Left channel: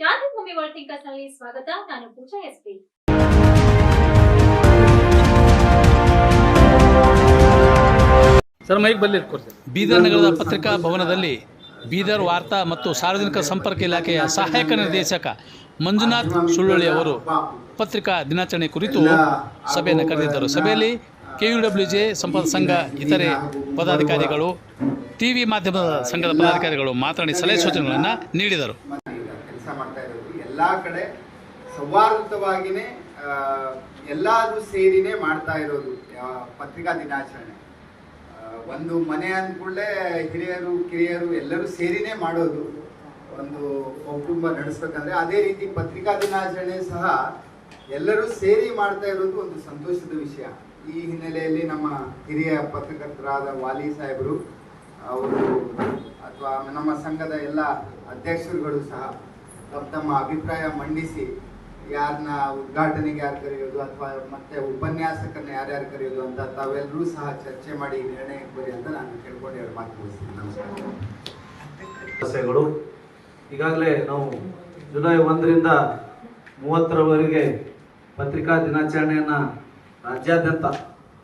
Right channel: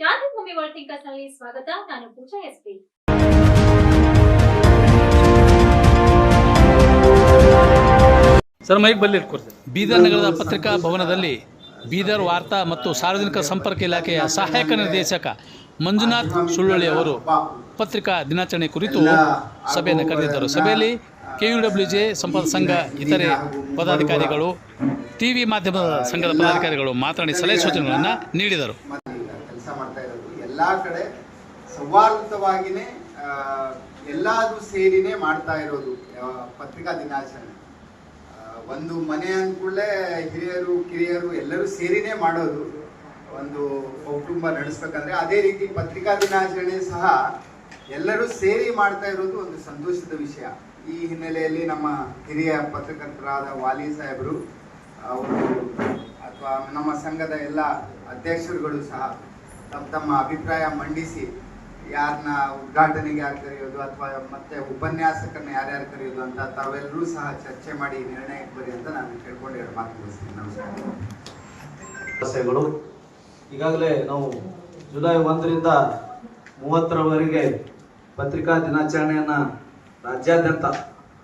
ಕ್ರಾಂತಿಭೂಮಿ world ಥಿಂಕರ್ಸ್ನಲ್ಲಿ ಸ್ವಾಗತ. ನಾನು ಪೂಜಾ SP sir ಮೈಕ್ ಬಲ್ಲಿ ಇಟ್ಕೊಡ್ತೀನಿ. ಬೀದರ್ ನಗರದ ಪತ್ರಿಕಾ ಭವನದಲ್ಲಿ ಬೀದರ್ ವಾರ್ತಾ ಮತ್ತು ಸಾರ್ವಜನಿಕ ಸಂಪರ್ಕ ಇಲಾಖೆಯ ಸಹಾಯಕ ನಿರ್ದೇಶಕ ಮಂಜುನಾಥ್ ಸುಳ್ಳುಳ್ಳಿ ಅವರು ಪತ್ರಿಕಾ ದಿನಾಚರಣೆ ಕುರಿತು ಸಭೆಯನ್ನು ಕರೆದಿದ್ದರು. ಸಭೆಯಲ್ಲಿ ಕೆ ಯು ಡಬ್ಲ್ಯೂ ಜೆ ಸಂಪದ ಸಂಘ ಇತರೆ ಪದಾಧಿಕಾರಿಗಳು ಟಿವಿ ಮಾಧ್ಯಮದ ಸಂಘದ ಪದಾಧಿಕಾರಿಗಳು ಮಾತನಾಡಿ ಸಲಹೆ ಸೂಚನೆಗಳನ್ನು ನೀಡಿದರು. ಎಲ್ಲ ಕಡೆ ಸೌಹಾರ್ದವಾಗಿನೇ ಎಲ್ಲಾದರೂ ಸೇರಿನೇ ಮಾಡ್ತಾ ಇರೋದು ಪತ್ರಿಕಾ ದಿನಾಚರಣೆ. ಒಂದು ಮನೆ ಅಂದ್ಕೂಡಲೇ ಹಿರಿಯರು, ಕಿರಿಯರು ಎಲ್ಲರೂ ಸೇರಿನೇ ಮಾಡೋದು ಒಂದು ಕುಟುಂಬ ನಡೆಸ್ಬೇಕಂದ್ರೆ, ಅದೇ ರೀತಿ ಪತ್ರಿಕಾ ದಿನಾಚರಣೆ ಸಹ ಎಲ್ಲರೂ ಸೇರಿ ಮಾಡ್ತಾ ಇರೋದು ಒಂದು ಸಂತೋಷದ ವಿಷಯ. ಈ ಹಿನ್ನೆಲೆಯಲ್ಲಿ ನಮ್ಮ ಹಿರಿಯ ಪತ್ರಕರ್ತರಾದ ವಾಲಿ ಸಾಹೇಬರು, ಅವರು, ಅಥವಾ ನಮ್ಮ ಸಂಘದ ಎಲ್ಲ ಅಧ್ಯಕ್ಷರುಗಳು ಸಹ ತಮ್ಮ ತಮ್ಮ ಅಭಿಪ್ರಾಯ ಮಂಡಿಸಿ ಯಾರನ್ನ ಉದ್ಘಾಟನೆಗೆ ಯಾರು ಕರೆಯೋದು ಅಥವಾ ಮತ್ತೆ ಉಪನ್ಯಾಸಕರನ್ನ ಯಾರ್ಯಾರು ಕರೆಯೋದು ಅಂತ ತಾವೆಲ್ಲರೂ ಸಹ ಚರ್ಚೆ ಮಾಡಿ ನಿರ್ಣಯಕ್ಕೆ ಬರಿ ಅಂತ ನಾನು ಕೇಳ್ಕೊಂಡು ಎರಡು ಮಾತು ತಿಳಿಸ್ತೀನಿ ನಮಸ್ಕಾರ. ಈಗಾಗಲೇ ನಾವು ಜುಲೈ ಒಂದರಿಂದ ಮೂವತ್ತರವರೆಗೆ ಪತ್ರಿಕಾ ದಿನಾಚರಣೆಯನ್ನು ರಾಜ್ಯಾದ್ಯಂತ